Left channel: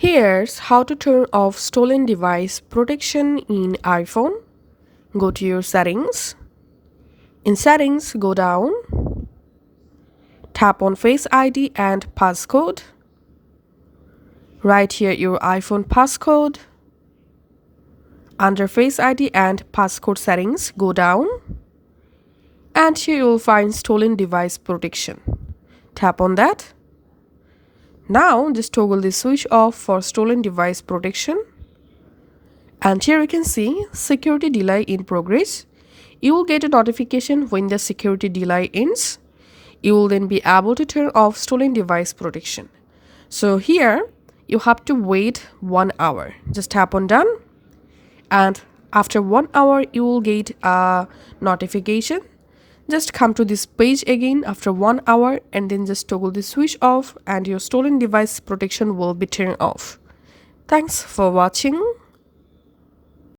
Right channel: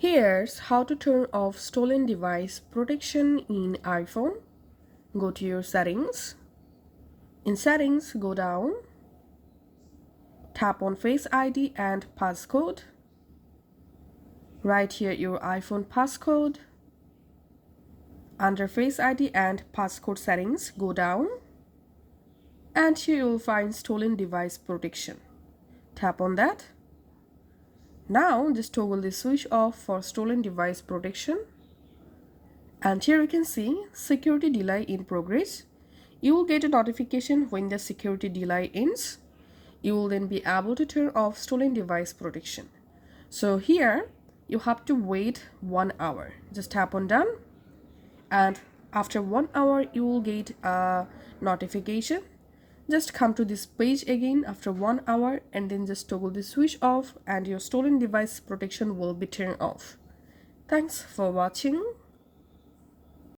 Here's how to turn off stolen device protection in iPhone. Go to your settings. In settings, go down. Tap on Face ID and passcode. Write here your iPhone passcode. Under Face ID and passcode settings, go down. And here you will find stolen device protection. Tap on that. Now just toggle the switch off for stolen device protection. And here you can see security delay in progress. You will get a notification when the security delay ends. You will then be able to turn off stolen device protection. So here you have to wait 1 hour. Just tap on done. And after 1 hour you will get a notification. Just come to this page again after 1 hour and then just toggle the switch off and your stolen device protection will be turned off. Thanks for watching.